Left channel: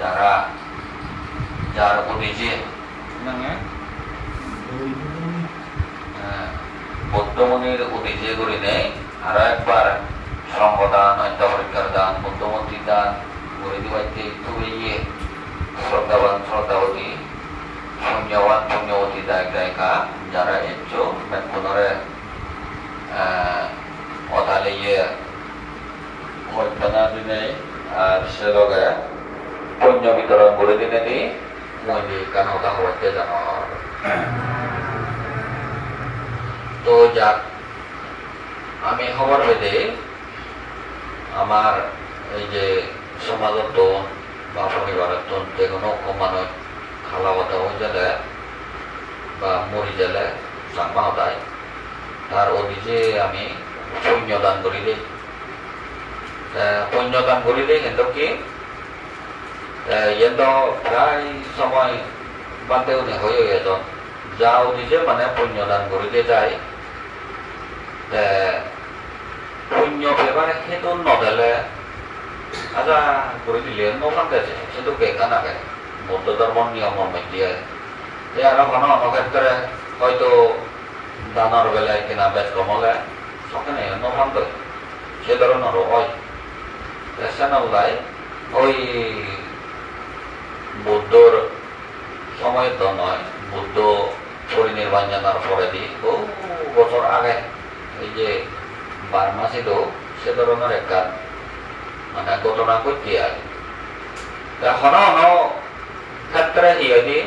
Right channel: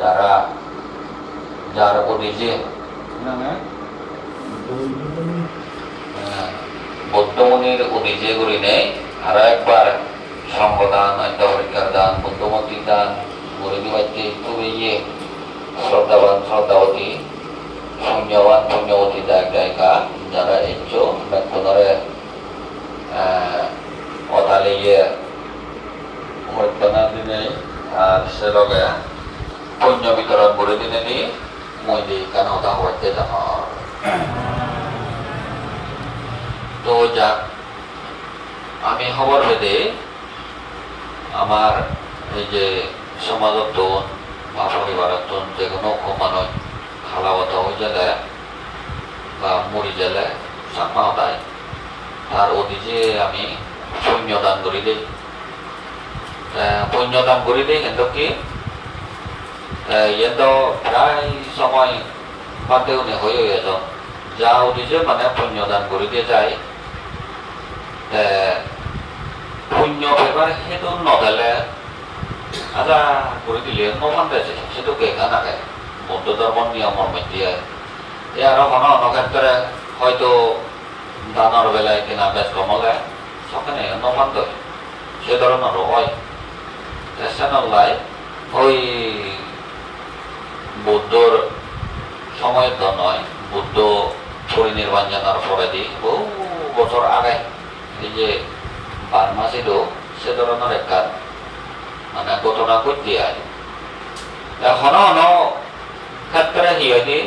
যারা যার উদ্দেশ্যে বৌদ্ধমণির উদ্দেশ্যে করি নেই আরো একবার সংগদান পরীক্ষার দান বুদ্ধমন্ত্রী দান করে দিবাইতে খুবই শ্রদ্ধাবান শ্রদ্ধাবতী পুণ্যবান পুণ্যবতী দায়ক দায়িকা যারা এসছো মেঘনরে অতালে মধ্যনা দিনে আর সে লগে পুণ্য বিতরণ করে দিনে নি মই দি কানতা হইতে জানো তো যাক আমি খবর পেতে আমার এই যে সমাজত বা পরিবারত যে কোনো মানুষ খালাগত হয়ে গেলে বা মরি গেলে জানবা হতায় তার অধিজে আমি পুণ্যদান করি দিই পুণ্যদান করি দিই কিন্তু কি এত প্রায় সময় বাদে উনি হয়ে গেল যা অধিজে মানে পুণ্যদান করি দিয়ে যায় পুণ্য ব্যাপারে সেইটো নদেলে আচ্ছা করে দিলে নফান্দেছে সেটা কেকা নাকে বৌদ্ধ ধর্মের নিয়মের মধ্যে আরো কোনো ক্ষেত্রে হয়তো দানের বেলায় কিনা বেশ কমলে সখানে নফান্ত সে ধরনেরও হয় সেনাল্লাই ওই বৌদ্ধর সময়ের তো নয় বুদ্ধ পরিনির্বাণ জানার পরে দিয়ে বহু বছর আগে এই যে বার্মা ছিল সে ধরনের একটা মানে ঘটনা করতে হয় এখনো ক্ষেত্রে হিয়দি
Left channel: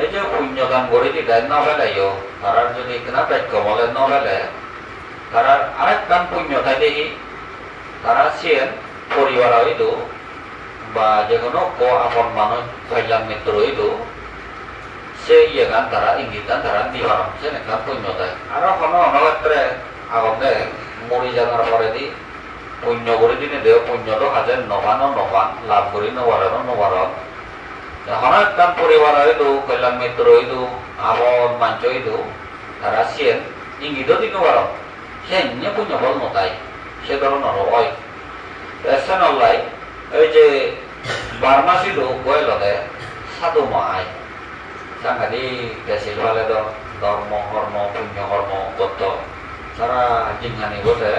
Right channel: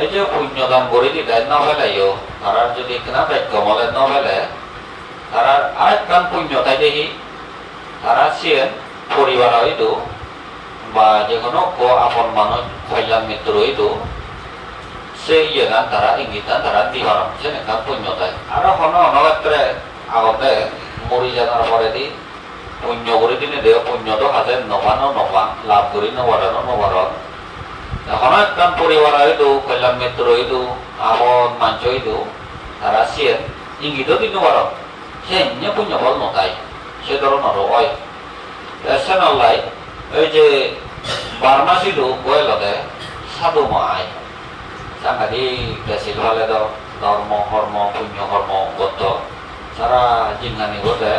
এই যে পুণ্যদান করে দিতে না ফেলাইও তারার যদি কিনা বাক্য মলে না ফেলে তারার আরেক কাম পুণ্য থাকে তারা সে পরিবার হইতো বা যে কোনো আপন মানুষ কল্যাণ মিত্র হইতো সে গান তারা ইঙ্গিতান তারা দিবার সে কাম পুণ্য থাকে আর কোনো ক্ষেত্রে আগতে মরি জানার পরে দি পুণ্য করে দিনে দেহ পুণ্য তো হাতে নপানো নপান লাভ করি নবারো নবার এখন একদম পরিবার হইতো কল্যাণ মিত্র হইতো আপন মাঞ্চ হইতো তারা সেন ইঙ্গিত দিন বার সে পুণ্য ফল নতাই সে ধরনের হয় সে নলাই ওই যে বার্মা ছিল বয়লতে সাধু মহাই সাংঘাতিক দেশিল ভালে ধর্ম কর্ম পুণ্য কর্ম গত সারা জিঙ্গানি গতে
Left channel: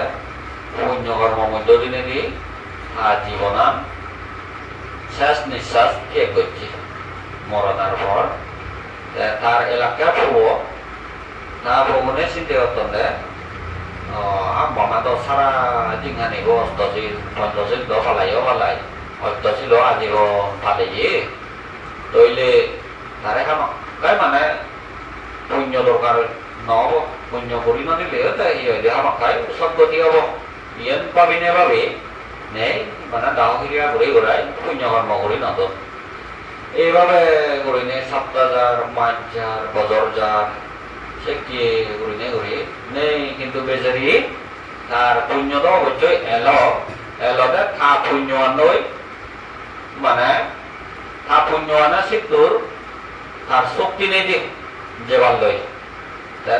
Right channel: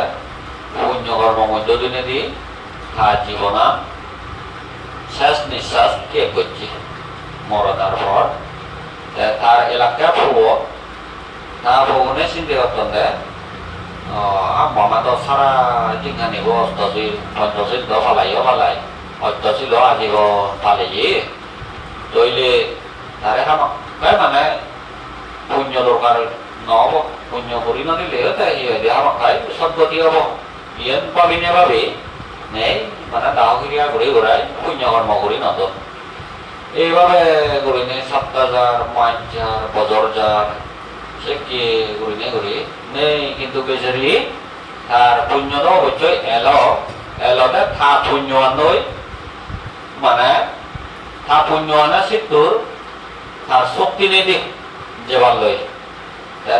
পুণ্য কর্ম মধ্য দিনে দি তার জীবনা শেষ নিঃশ্বাস কে করছি মরণের পর তার এলাকা ফুবো তা ফুবনে চিন্তা করতেন যে মামা তো সারা জিঙ্গানি অষ্টশীল পঞ্চশীল তো ফালাই অষ্টশীল আজীবন ফালাই তৈলে তারে মানে পুণ্য দরকার নহব পুণ্য করি নিলে আমাক সদ্গতি হব ইয়ান পাবিনে ভাবে নেই মানে দাহক্রিয়া ঘুরে ঘুরাই পুণ্য কর্ম করি নতুন এইভাবে ঘুরি নে সপ্তাহজার মাঞ্চার বজরজার সে কি ঘুরি নেই কিন্তু বেচারি তার পুণ্য তো অবশ্যই এলতে থা পুণ্য আনই মানে থা পুণ্য আনা সিদ্ধুর তার শক্তি নেই দিক যেবার লই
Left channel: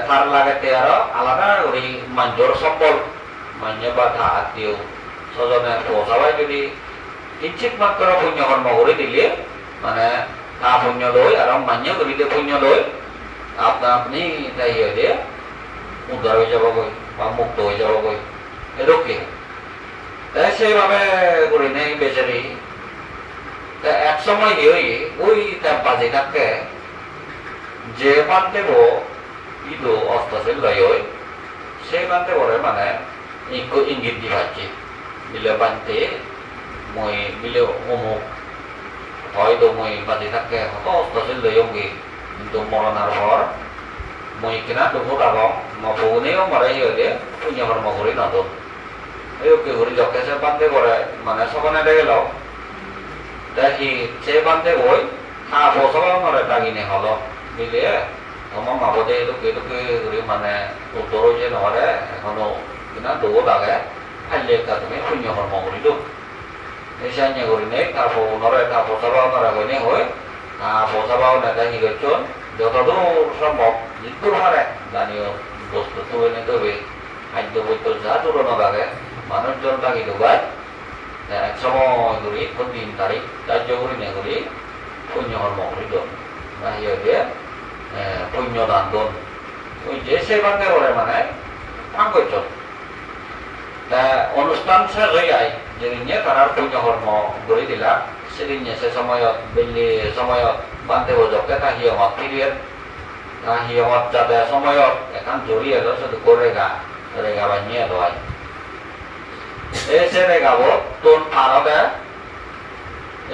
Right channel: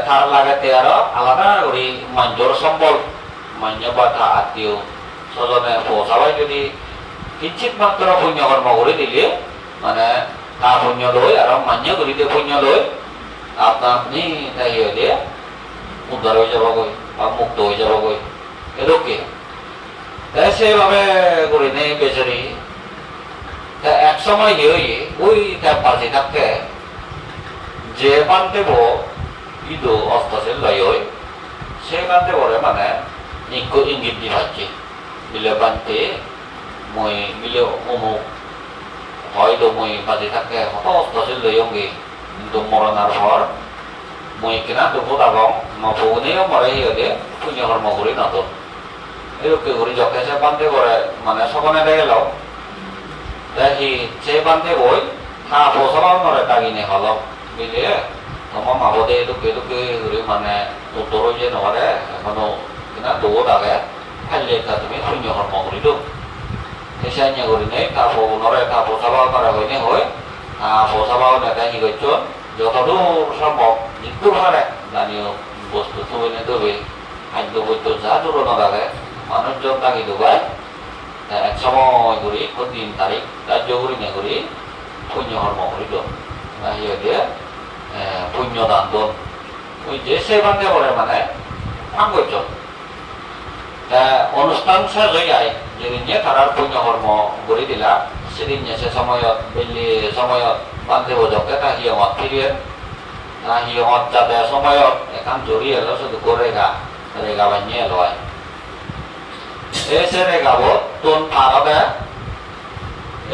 তার লাগাতে আরো আলাদা করি মাঞ্জর সম্বল মান্য বাধা আত্মীয় স্বজনে পৌঁছাবাই যদি কিঞ্চিত মাত্র পুণ্য কর্ম করে দিলে মানে তা পুণ্য লই আর মান্য করি দিয়ে পুণ্য লই আপনি দিয়ে উদ্ধার হয়ে যাবগৈ বা মুক্ত হয়ে যাবগৈ এরকম সেইভাবে করি নেই বেচারি এক সময় ওই তার বাজে থাকে যে পান্তে ইদো অষ্টশীল লয় সে কান্তে বলে মানে ইঙ্গিত দি পাচ্ছি বিলে বানতে মই বিলে অমুক হয়তো মই বাজে থাকে হত অষ্টশীল লয়ঙ্গি কিন্তু মরণার পর মই কিনা দুপুর আগম মনে মরে হিয়ে পুণ্য কর্ম করি নতুন এরকম করি যকে সে বান্ধে করে মানে সকনে দেখে লাও দেখি সে বান্ধে বই হা পৌঁছালাম নরে তাগিনে ভালো বুঝলে তোমার মাবদে এটুকে করে মানে উত্তর যে নরে এখনো কিনা দৌ দাগে খাইলে তুমি পুণ্য কর্ম করি দো এসে করি নেই তারপর নরে তা পৌঁছালাম নরে হইনে হয় পৌঁছালাম নেতা কি করছেন যতদূর সম্ভব মৃত্যুর হারে জানিও বস্তু তুলে তবে খাদ্য বৈদ্য যা জোরানো লাগে মানুষজন তাকে ঢুকায় এক সময় করি কোন দিন তারিখ ধার্য করি না করি পুণ্য কর্ম করি দন না হিয়ে দিয়ে পুণ্য দান দন ওই যে সেবাতে করে মানে আঙ্গজ অনুষ্ঠান শেষ হয়ে যায় যেদিন তারার পুণ্য কর্ম করে দিলা সেদিন সে সময়ত বেলি সময়ত বান্ধে বজকে তা হিয়মত ফিরিয়ে তা হিয়মত যাতে সময়ত এখান জড়িয়ে এলো শুধু রেগা বানিয়ে লয় এসে রেগাবো তুন ভারতে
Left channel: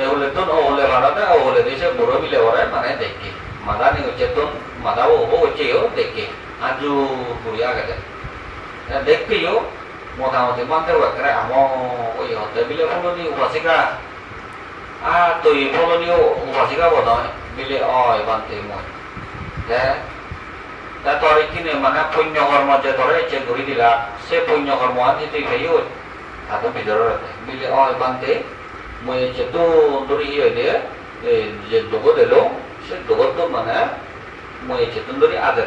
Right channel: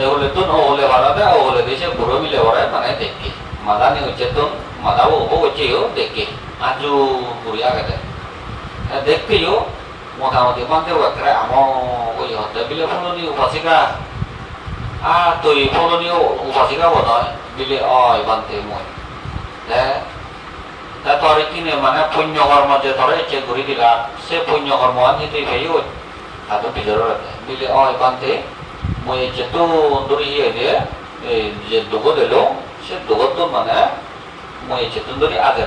এগুলো তুন ওগুলো ভারতে ওগুলো দেশে বুড়ো মিলে ওরে মানে দেখি মাদানি হচ্ছে তুন মাদাবো ওপো হচ্ছেও দেখি আজু বুড়িয়া গেছে দেখতেও মোটামুটি মানতে ওকে আমার ওই হতে বিলে ফলনি উপাসিকা তুই ফলনি উপাসিকা বোধ হয় বিলে অয় বানতে মই তোর কিনে মানে পুণ্য কর্ম যে তোরে ইচ্ছে ঘুরি দিলা সে পুণ্য কর্ম আনি তুই ভাইও তাদের ভিতরে বিলে অয় বানতে মই ইচ্ছে তো দূরে ইয়ে দিয়ে যে দুগো দিল সে দুগো তো মানে মই ইচ্ছে তো দূরে আগে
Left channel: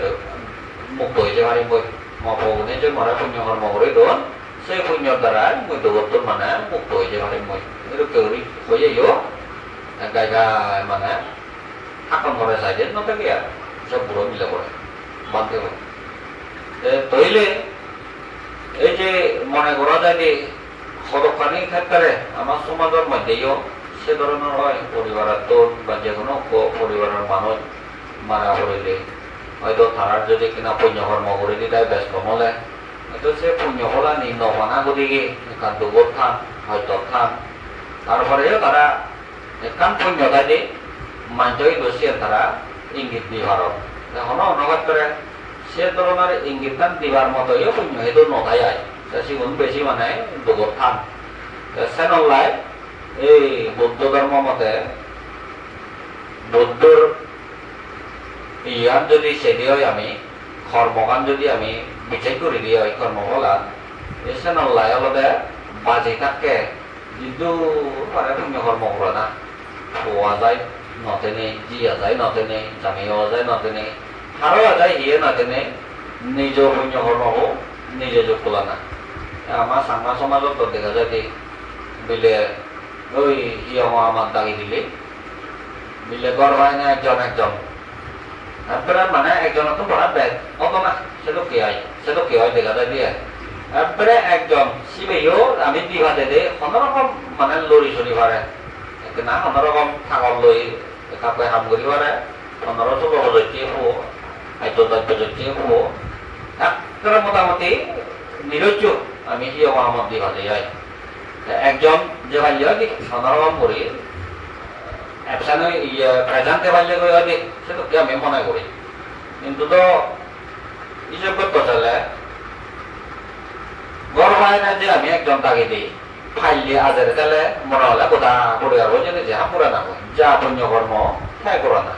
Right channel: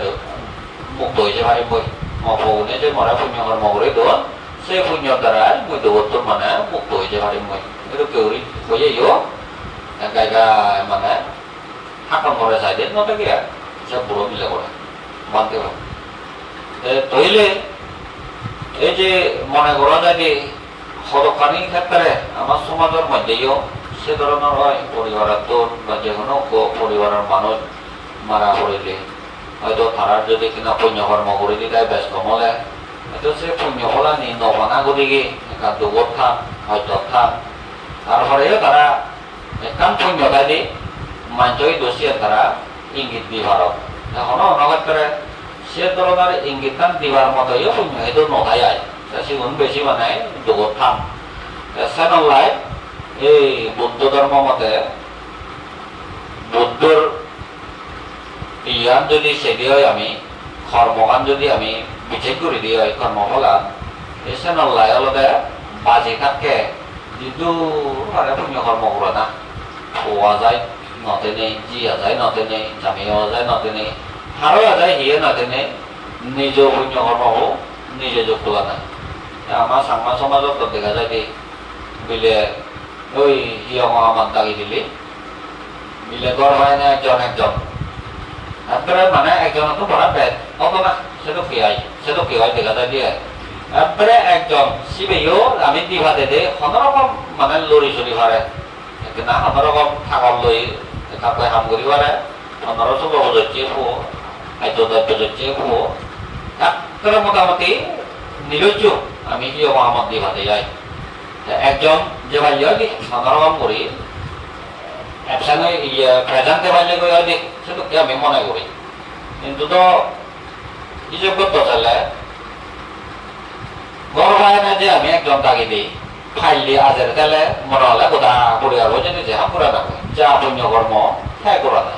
মুক্ত হয়েছে ভাই বই মনে যে মরা পুণ্য কর্ম করে দোন সেই পুণ্যর দ্বারা মই দুগো মানে মুক্ত হয়েছে ভাই মই itu keuri boye yo gaga mana hakam kore saide no ta gya সব বড় মিলে করে মানতে হয় তইলে এই যে মনে করা যায় যে সদকানির ক্ষেত্রে আমার সমাজের মধ্যেও সে ধরনের হয় পরিবারের তোর বা যে কোনো পরিবারের মানুষ মারা পড়িলে হয়তো তারার যদি কিনা পুণ্য কর্ম করে দিতে ব্যস্ত হলে হয়তো সে পুণ্য হলা নি নবানা করি গিয়ে এখান দুবত খান হয়তো খান তারপরে তারা একান পুণ্যতা দিয়ে মাঞ্চই দোষিয়ে তারা ইঙ্গিত দি ভারত এখন নগদ করে সে ধরনের ইঙ্গিত খান দিবার মতোই পুণ্য হয়তো নথাই আয় সেগুন বেশি মানে দুবত খান সে নল্লাই এই বৌদ্ধ ধর্ম মতে বৌদ্ধর ইয়ান যদি সেদি হয় আমি কর্মকান যদি আমি বিশেষ করে দিয়ে হয় কর্মফলান এসে নল্লাই আলাদা বাজি কাটকে যিটো মানে পুণ্য কর্ম করে না খোয়া যায় নতে নেই জিয়া যায় নতে নেই জামিয়া যায় নতে নেই হারোয়া যায় হিয়ে নতে নেই নিজ পুণ্য কর্ম নিজে যোগ তোলা না আমার সাংমা সমাজত দেখা যায় কি বিলে ওই হিয় মহামান দাগি দিলে বিলে গড় হয় না একজন তারপরে মানে একজন তো বড় বেদ অত না সেটা কি হয় দেখা যায় দিয়ে তারপরে একজন শিবেও আমি দিভা দে কোনোরকম মানে লড়ি চলি পারে না কোনোরকম থাকল লই কাপড় হাম করি পারে 1500 বছর হো হয়তো 10 বছর হো তারপরে মোটামুটি নিরজ্জ আমি কি মহাম্মদ দিভা দে যাই একজন যে ভাই কি কোনোরকম করি একসাথে প্রেজেন্টে ভাই করি সেটা কি আমি মনে করি কিন্তু তো হিসেব করতে চলে গর্ব হয় না যে আমি একজন তাকে দিই ফাইলি আজের গেলে মনে হলে গোটা পড়ে যাবো যে নিজে পুরা থাকবো যা পুণ্য কর্ম হ্যাঁ করা না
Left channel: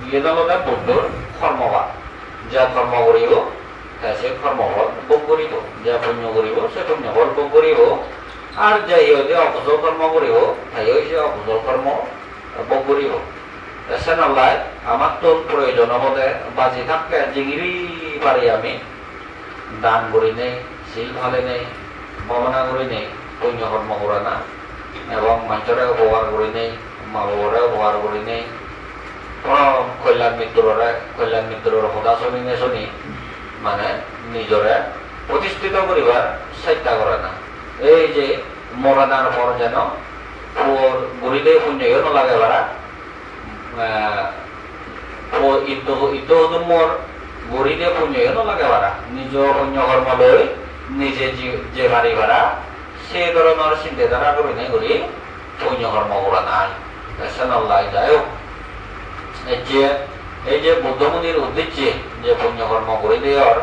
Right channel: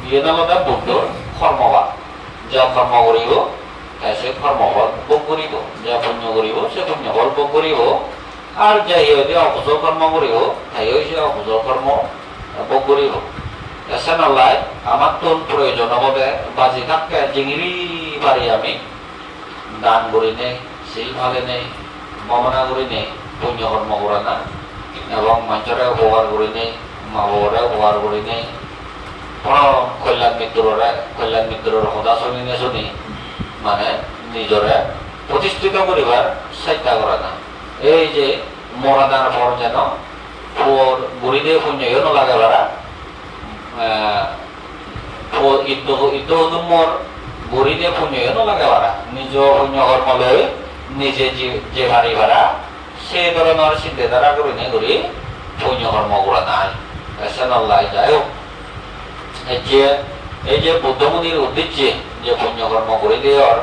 বিয়ে দলতে বৌদ্ধর কর্মবাদ যা কর্ম করিব সে কর্মফল ভোগ করিব যা পুণ্য করিব সে পুণ্যফল ভোগ করিব আর যাই যে অকুশল কর্ম করিব তাই সে অকুশল কর্ম ভোগ করিব সে নলাই আমার তোর প্রয়োজন হলে বাজি থাকতে জিঙিরি পারি আমি দান করি নেই সেই ভালে নেই ভাবনা করি নেই পুণ্য কর্ম করে না এবং মানুষরা উপকার করি নেই মা বাবারা উপকার করি নেই কল্যাণ মিত্রর কথা শুনি নে শুনি মানে নিজরে প্রতিষ্ঠিত করিবার চেষ্টা করে না এই যে মরা দান পর যেন গুড়িদে পুণ্য নলাগে বারা মোর গুড়িদে পুণ্য নলাগে বারা নিজ পুণ্য কর্ম লৈ নিজে যে বাড়ি ভাড়া সে ধরনের চিন্তাধারা করে নেই করি পুণ্য কর্ম করে নাই সে নল্লাই যাই হোক এই যে বুদ্ধমুনির উদ্দেশ্যে যে পুণ্য কর্ম করে দেওয়ার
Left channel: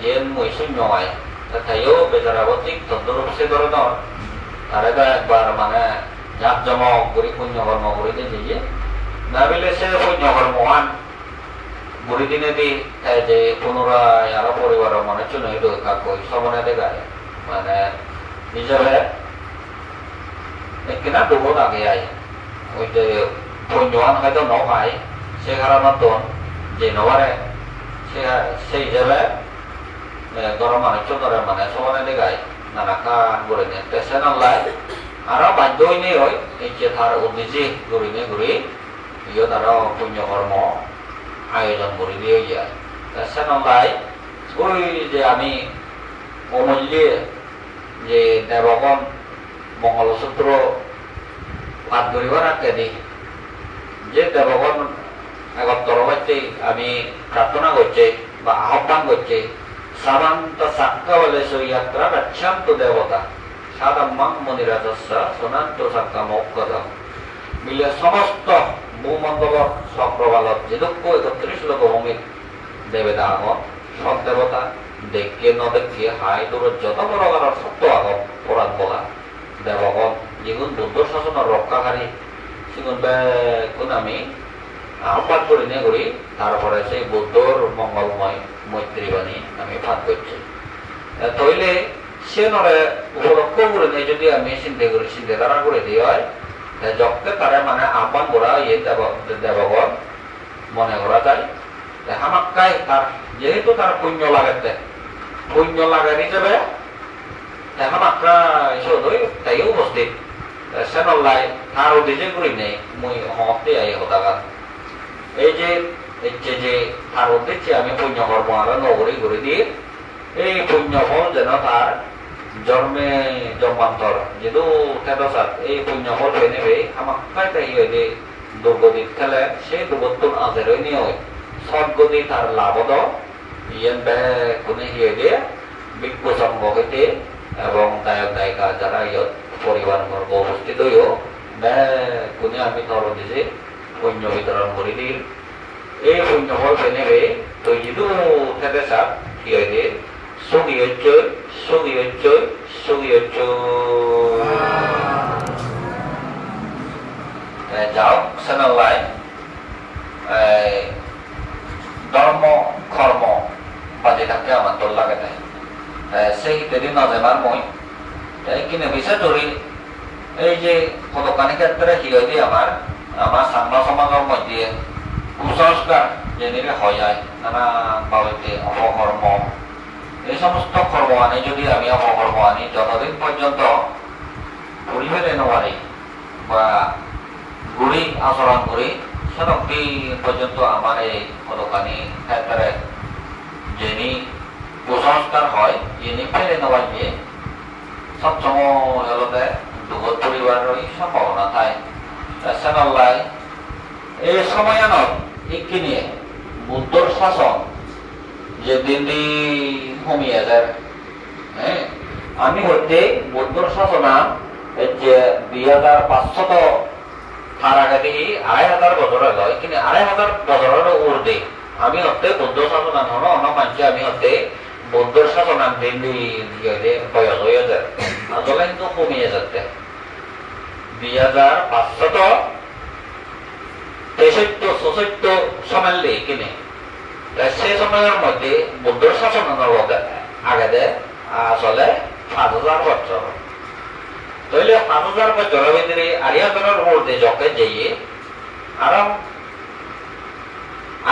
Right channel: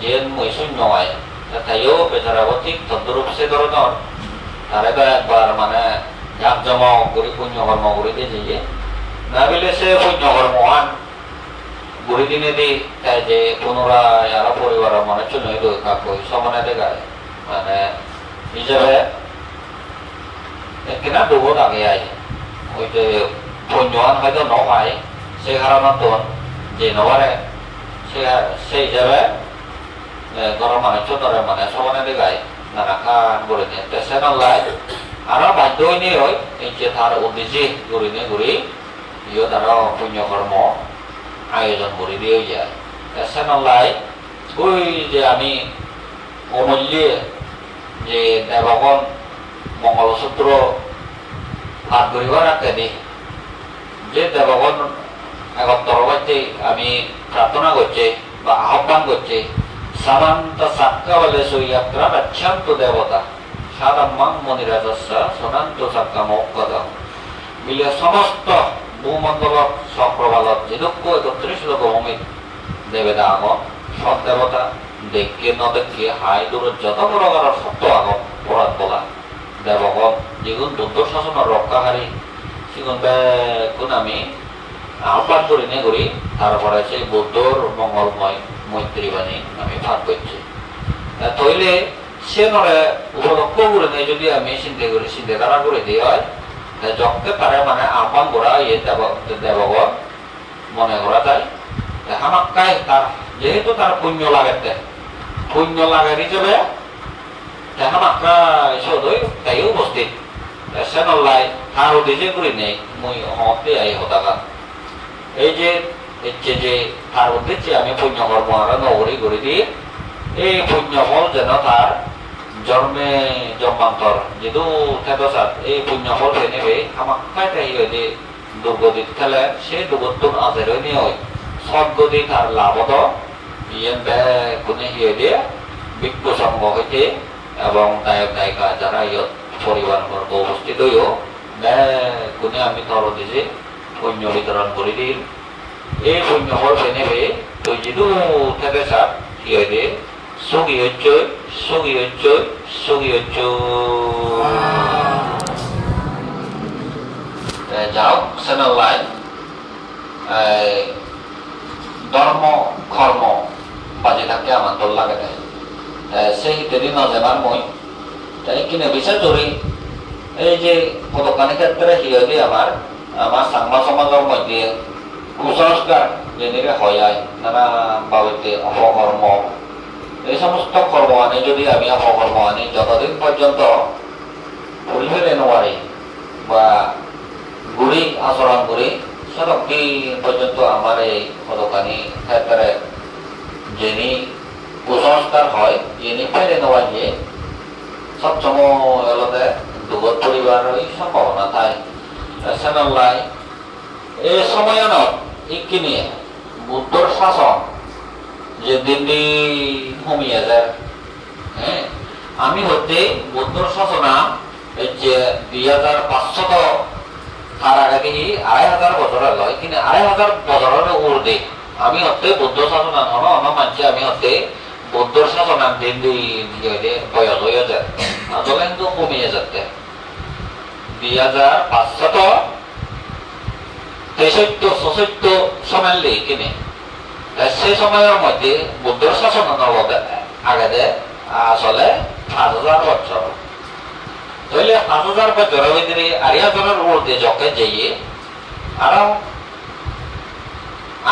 যে মই শূন্য হয় তাইও বেচারা ঠিক তদ্রূপ সে ধরনের তারে তো একবার মানে জাক জমা করে পুণ্য কর্ম করে দিয়ে না বলে সে পুণ্য কর্ম আন বুড়ি দিনে দি যে পুনরায় আরো পরিবার মানে চুন কাকু সমানে দেখায় মানে নিজেরা কিনা ডুবো আগে আয় ওই যে পুণ্যৱান হয়তো নহয় সেই কারণত যে নবারে সেই হিসাবে গরম মানে চোদ্দরে মানে সমানে দেখায় narakan gurine tesen online ara bajo ini roy ince thar udisi gurine guri iyo tara punya karma ayoজন guri দিয়ে যায় tesen online ওই যে আমি অমূল্যে যে দেবগণ মঙ্গলসূত্র ভাগ করিব রাখতে দি যে দেবগণ একত্র হইতে আমি প্রার্থনা করছি বা আহ্বান করছি সামান্ত সাক্কা বলে সুয়াত্রা রক্ষান্ত দেবতা সাদাম্মাং মনিরাজস্য সোনান্ত সাক্কা মৌকদম মিলে সমস্ত ভূমণ্ডল চক্রবালত যেদক্ষ 31 ভৌমিক দেবেদা আগম সব দেবতা দেখে নদেখে হাই দূর যত বড় বড় সত্য আগম পরাত বলা দেবগণ যেগুন দুর্দ শাসনের রক্ষাকারী সেগুন বেগুন আমি আহ্বান করি নে করি তারপরে সেই বুদ্ধর মঙ্গলময় মৈত্রী বাণী আমি ভাগ করছি তৈলে সে নরে উপলক্ষ করে নেই যদি আমি চিন্তা ধারা করে দিই হয় যখন তারা মানে আহ্বান করা ইয়ে দেবগণ মনে করা যায় হামাক্কায় তার যেহেতু তার পুণ্য লাগাতে পুণ্য লাগার হিসেবে হামাক্কা সদয় তাই উপস্থিত সেনল্লাই তার উদ্দেশ্যে করি নেই মুই হতে আই হতাকান এই যে ইচ্ছে যে তার উদ্দেশ্যে আমি পুণ্য কর্ম আরো নগরী করে দিই এই পুণ্য ফল যেন তার জন্মে জন্মান্তর যেহেতু তেদসাত এই পুণ্য ফল হয়ে নেবে হামাক্কায় তাই হয়ে দুর্গতিত খেলে সেই দুর্গতুন আজের নিয়ে হয় সদ্গতি তার লাভদ ইয়েন বে কোনে হিয়ে দিয়ে বিজ্ঞ সংঘ হইতে এবং নায়ক নায়িকা যারা ইয়ত পরিবার বর্গ উপস্থিত হইও বে কোনে আমি তর দিছে পুণ্য বিতরণ করে দিল এই পুণ্য ফল নেবে তো যিদু থেকে সাপ হিয়ে দিয়ে সুগি হচ্ছই সুগি হচ্ছই সুগি হচ্ছ যাও সেনাল্লাই ধর্ম কর্ম বাজে থাকতে আমার তোর লাগে নাই সেই হিতেরই মাঝে আমার মই কিনে বিচার ধরি এই যে পদকানি ক্ষেত্রে হিয় দিয়ে আমার সাংমা সমাজের মধ্যে কুসংস্কার যেদিকে হয় নানা বাবদে অপকর্ম এই সমস্ত কর্ম আনি যদি আমি অপকর্ম আনি যতদিন পর্যন্ত ঘুরি ফেলে নেওয়ারি বা ঘুরি আচরণ করি সেতদিন পর্যন্ত আমার এই পদকানি ক্ষেত্রে যিনি কুসংস্কার হয় যিনি ফেলে নেওয়া গিয়ে সবসময় এলতে দুগত পরিবারের সম্ভাবনা থাকে সেনাল্লাই এই সময়নত ইকিনি বুদ্ধর শাসন যে দিন দিন কমিয়ে যায় হ্যাঁ আমি হতে বুদ্ধর শাসনা যে 2500 তার আগে দেখি 2500 বছরের লয় কিন্তু 2500 বছরের ঊর্ধ্বে আমি হতে বুদ্ধ শাসন হন অন্য মানছি আমি হতে বুদ্ধর শাসন দিন দিন বয়স হয়ে যায় আসলে কিন্তু কমিয়ে যাচ্ছে 2563 সময় কিনে সেই সময়ের মধ্যে বুদ্ধর শাসন আগে আসলে 5000 বছর তাহলে 5000 বছরের ভিতরে 8000 ঊর্ধ্বে যখন যাইয়ে আরো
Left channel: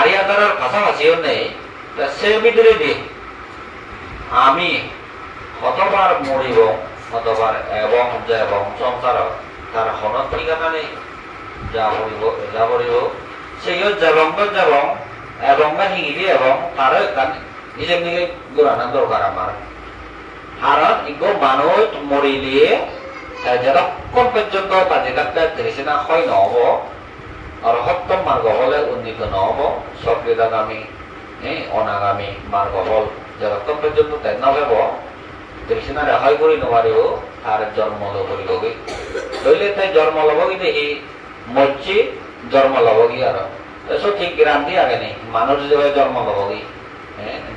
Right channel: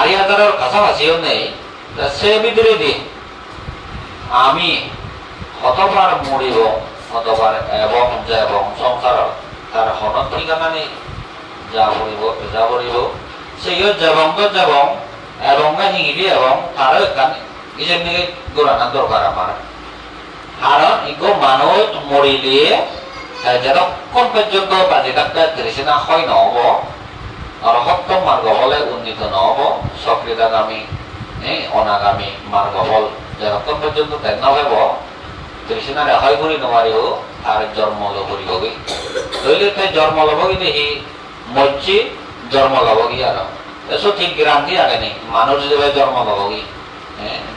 8000 কাছাকাছিও নেই সে ভিতরে দিয়ে আমি কতবার মরিব কতবার এবং সংসার তার হন ঠিকানা নেই যা পড়িব সেই এবং হিঙিলি এবং তার নিজের দিকে গোড়ানো দরকার আমার কারণ এগো মানুষ মরিলে যতক্ষণ পর্যন্ত বাজে কাটতে তৃষ্ণা হয় নহব অরহত্তম মার্গ বলে উন্নীত নহব সক্রিয়তাগামী অনাগামী মার্গ বল যতক্ষণ পর্যন্ত তেন নহব তৃষ্ণা রেহাই করে নোৱাৰিও তার জন্ম লবগি তৈলে তাই জন্ম লবগি দেখি মরছি জন্ম লবগি আর সঠিক গ্রান্তি আগে নেই মানুষ যেভাবে জন্ম লবগি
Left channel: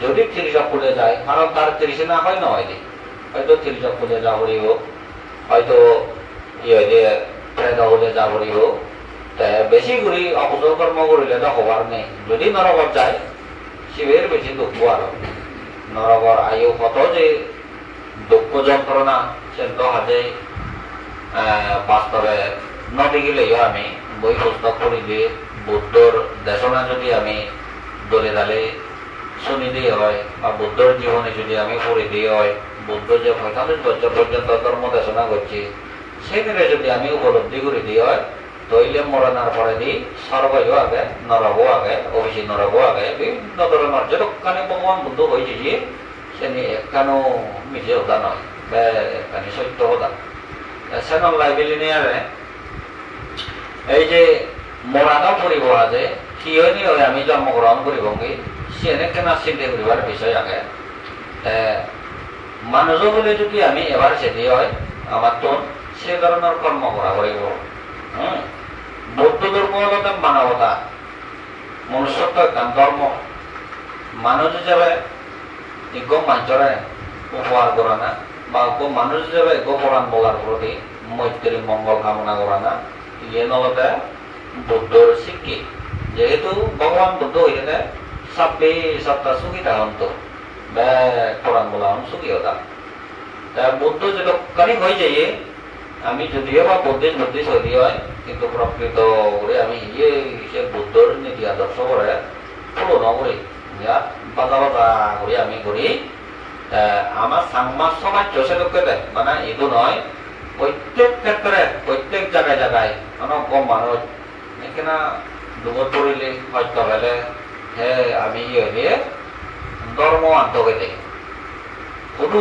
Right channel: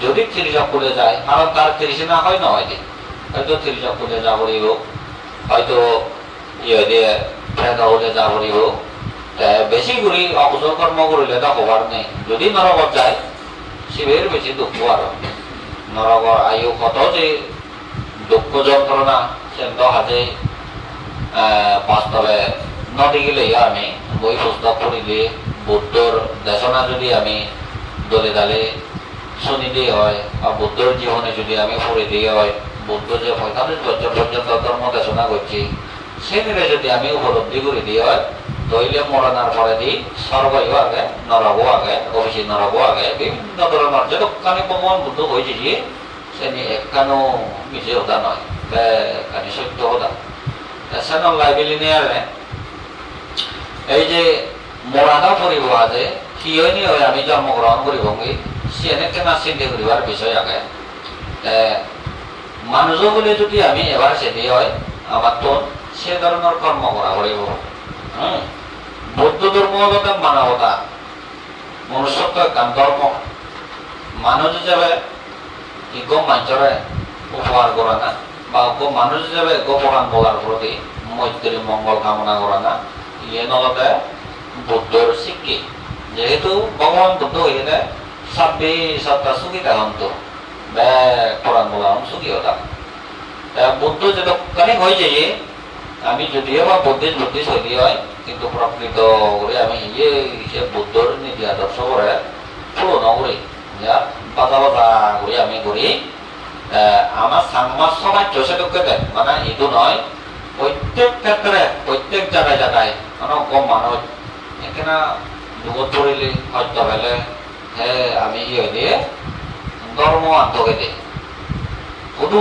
যদি ত্রিচকুলে যায় কারণ তার তৃষ্ণা হয় নহয় হয়তো ত্রিচকুলে যা পড়িব হয়তো ইয়ে দিয়ে ফেদা হলে যা পড়িব বেশি ঘুরি অকুশল কর্ম করিলে তো হবার নেই যদি নরকত যায় শিবের বেশি দুঃখ আর নরকর আয়ু কত যে দুঃখ যন্ত্রণা সেন্ত হাজে বাস্তবে নদী গেলে আমি বই পুস্তক পড়িলে বুদ্ধর দেশনা যদি আমি দলে দালে শুনি দিয়ে হয় বা বুদ্ধর জীবনে যদি আমি পড়ে দিয়ে হয় বুদ্ধ যে 45 বছর পর্যন্ত ধর্ম দেশনা করছি সেদিনে যদি আমি উপলব্ধি করে দিই হয় তৈলে মরণার পরে দিই স্বর্গও আগে নরকও আগে অবশ্যই নরকও আগে বিভিন্ন ধরনের যতখানি ভগবান বুদ্ধ হয়েছে যে সে একখানো মিছে হতা নয় বা একখানি সত্য হতা সেন লাইবেলি নিয়ে এই যে মরানো ফুরিব আছে সিও নি হয় আমি জন্মগ্রহণ করিব সিএনে কেনা চিন্তা করিবার বিষয় আগে মানুষ বলে যদি আমি এবার সেটি হয় আমার তো সে ধরনের কর্ম করা করিব বৌদ্ধ ধর্ম হল মানবতা মনুষ্যত্ব একখান ধর্ম মানুষ হিসাবে গো মানুষরে উপহার করা না বা গো মানুষ হিসাবে গো পুরাণ বলার প্রতি মৈত্রী মঙ্গল কামনা করা না ইয়ে নলতে বুদ্ধর শিক্ষি যেহেতু ভগবান বুদ্ধ হইলে 26টা সুখী হন্ত বা পুরাণ বলা সুখী হতাম বুদ্ধ যতখানি হয়ে যাই আমি যদিও বা বুদ্ধিস্ট হইলি হয় কিন্তু প্রকৃত করে আমি ইয়ে সে বুদ্ধর নীতি আদর্শ করে পূরণ করি যা বাজা বাজা করে আমি করি আমার সাংবাদ সমাজ সেটুককে দেয় মানে ইদু নয় প্রত্যেক ক্ষেত্রে প্রত্যেক জায়গায় জায়গায় মানে কম মানুষ এখানে দুগত পড়িলি হয়তো পেলে হে আমি ইয়ে দিয়ে ধর্ম আত্মকে দিই কোনো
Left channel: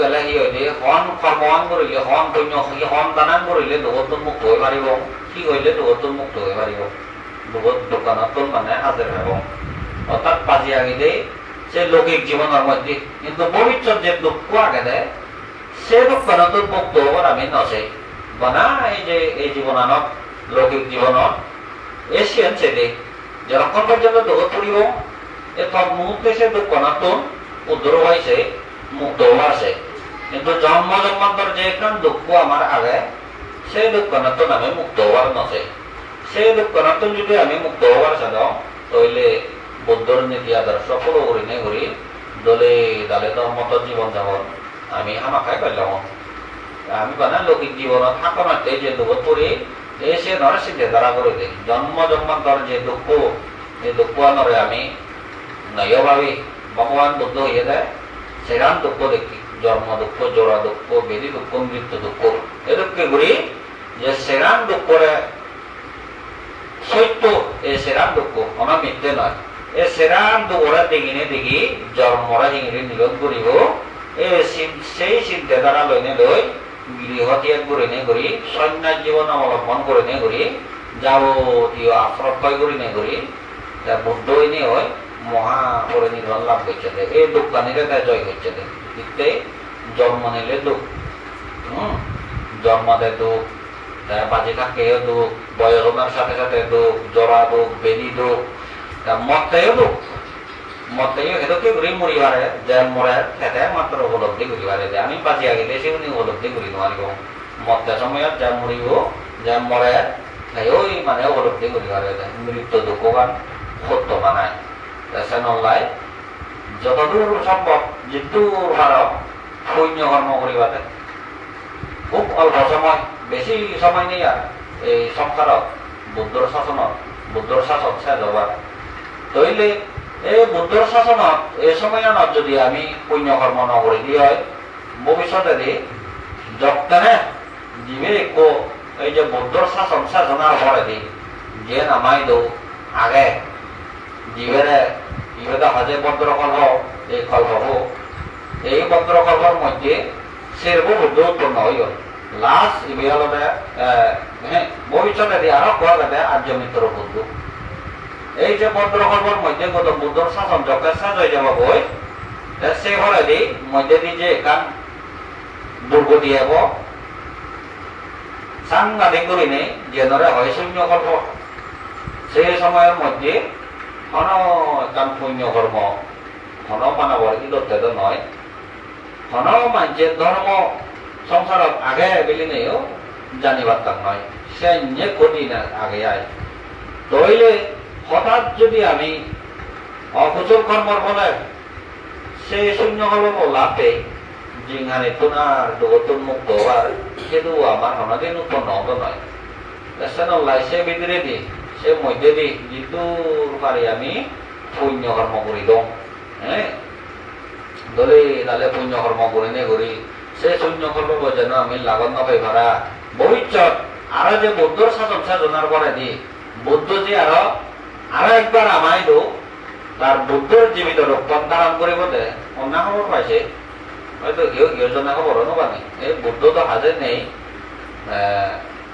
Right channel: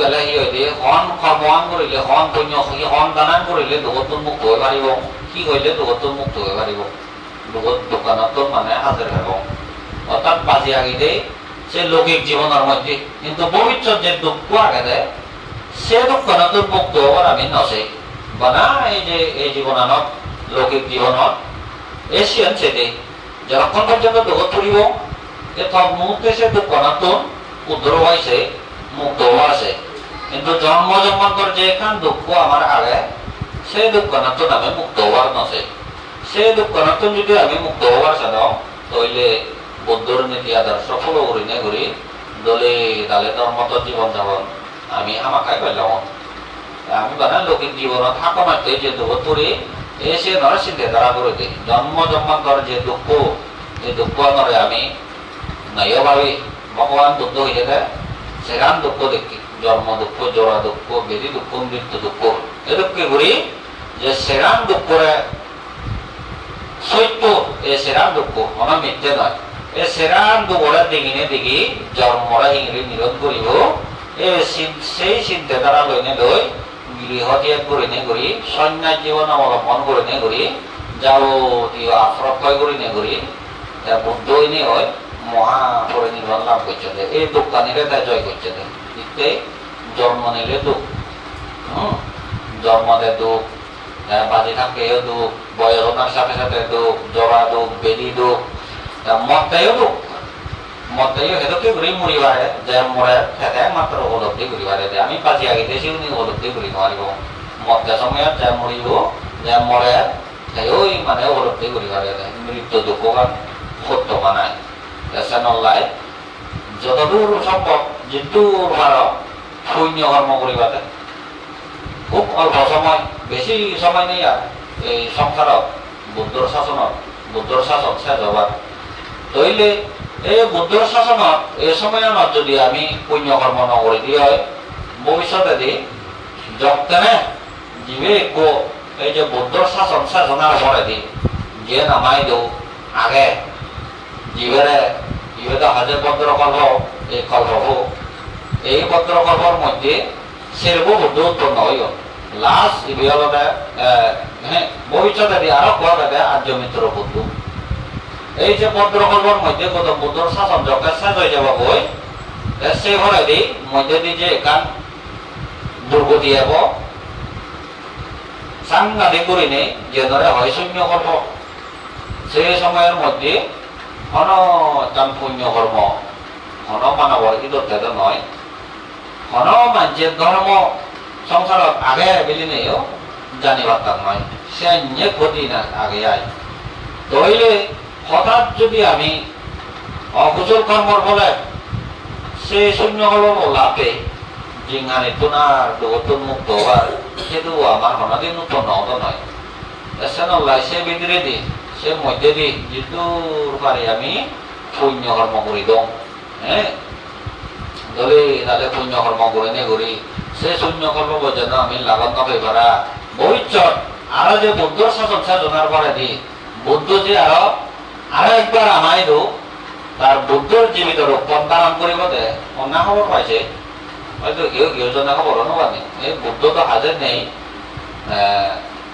গেলে ইয়ে দিয়ে হন কর্মহান কৰিলে হন পুণ্য হন দানান কৰিলে দুগত মুক্ত হৈ পাৰিব কি কৰিলে দুগত মুক্ত হৈ পাৰিব দুগত দোকানত মানে হাজির হব অর্থাৎ বাজি আগে দেয় সে লৌকিক জীবনের মধ্যে কিন্তু ভবিষ্যৎ যে দুঃখ আগে দেয় সে দুঃখ নতুন মুক্ত হবার আমি নছে বানা এই যে এই জীবনানত লৌকিক জীবনত এশিয়ান সেদে যতক্ষণ পর্যন্ত দুঃখ পড়িব তখন মুহূর্তে সে দুঃখ নতুন উদ্ধার হয়েছে মুক্ত হওয়া আছে কিন্তু জন্ম জন্মান্তর যে এখান দুঃখ আমার আগে সে দুঃখ নতুন আমি মুক্ত হওয়ার নছে সে দুঃখ নতুন যদি আমি মুক্ত হওয়ার চান তাহলে বুদ্ধর নীতি আদর্শ ফলো করি নে করি দলে দালে ধর্মত জীবন যাপন আমি আমাকাই পেলাম আমি বানা লৌকিক জীবনত থাকতে যে দুঃখ পড়ি এসে নয় চিন্তা ধারা করে দিই জন্ম জন্মান্তর যে দুঃখ নরে আমি নয় ভাবি ভগবান বুদ্ধ হয়ে দেয় সেখান দুঃখ দেখি জন্ম দুঃখ জোড়া দুঃখ বেদি দুঃখ মৃত্যু দুঃখ এ দুঃখ করি যে সেরাম দুঃখরে সত্য এ সেরাম দুঃখ আমার মিথ্যে নয় এ সেরাম দুঃখরা দেখিনে দেখি জন্মরা হিংরি নিরোধ করিব সেই চিন্তা দ্বারা লইনে লই গৃহ ত্যাগ করে নে করি সন্ন্যাস জীবন অবলম্বন করে নে করি যাবতীয় আশ্রয় করে নে করি বুদ্ধ হইনি হয় মহা পরিনির্বাণ লাভ করছে এই দুঃখানিরে জয় করছে ইতে জন্ম নিলে দুঃখ জন্মতে দুঃখ বাজি থাকে দুঃখ বয়সনার সাথে সাথে দুঃখ জরা দুঃখ বেদি দুঃখ মরতেও দুঃখ মরতেও সেটাকে ঘুরি মরিবারে যে মরে সেটা মাত্র উপলব্ধি করিবারে আমি বাজি আগে দেশে উনি উপলব্ধি করি নোৱাৰিব মরতে সময়ত যে মরিব যে মরে সেও মানে উপলব্ধি করিবারে মৃত্যু দুঃখবান সত্য মানায় চেনলাই যতদূর সম্ভব যেদূর পার সৈন্য কর্ম করিবাতে খুব অল্প সময় বেশি সময় নেই আর এই সংসারত বুদ্ধর শাসন শেষ হবার তইলে এই বুদ্ধর শাসনত এই সময়ত যদি আমি পুণ্য কর্ম নকরি দিয়ে হয় ভবিষ্যতে দি যতনে জীবে এই যে বুদ্ধর শাসন শেষ হওয়ার পরে দি যে নামাই দো আগে জীবেরে ইবেদা হাজে পত্রকল্প এই কল্প এই পত্রকল্পর মধ্যে সেরব বুদ্ধ উৎপন্ন হইল লাস্ট ইবে হল ভবিষ্যতে আরো কোয়া যাবে আর্য মিত্র বুদ্ধ এই যে পত্রকল্পর মধ্যে কত বুদ্ধর শাসন যখন শেষ হয়ে যাব বই সে হলে দি মধ্যে দিয়ে যে এখান দুর্গতি হব সাংঘাতিক করি নেই যে ধরে হয় শূন্য কল্প সেই সময়ের মধ্যে হন কান পুণ্য কর্ম হন মানবর ইদত্তেদ নয় হন মানুষের ধর্ম সংসারত আগে বেলি নেও জানিবার তার নয় সে নিয়ে ক্ষতি না আগে আয় তইলে হঠাৎ যদি আমি অকুশল কর্মর ফলে সে শূন্য হল লাভে জিঙ্গানি তোনার দুগতন মুক্ত হওয়ার সেটু আমার হনদিন উৎপন্ন হতো নয় এসে সে ভিতরে দি সে মধ্যে দি যেদূর পারি আমি পুণ্য কর্ম করি দম হ্যাঁ দলে তাহলে পুণ্য কর্ম করে নে করি সে শূন্য কর্ম যেন আমি লাগন নকই ভরা ভবিষ্যৎ আরো যে বুদ্ধর শাসন সাধনার পরে দি বুদ্ধ যে আরো একবার আমায় দো তার বুদ্ধর জীবিত রূপান্তরণ করিব দে অন্য খবর পাইছে হয়তো যোজনা খবর অনুবাদী এই বুদ্ধ তো হাজার নেই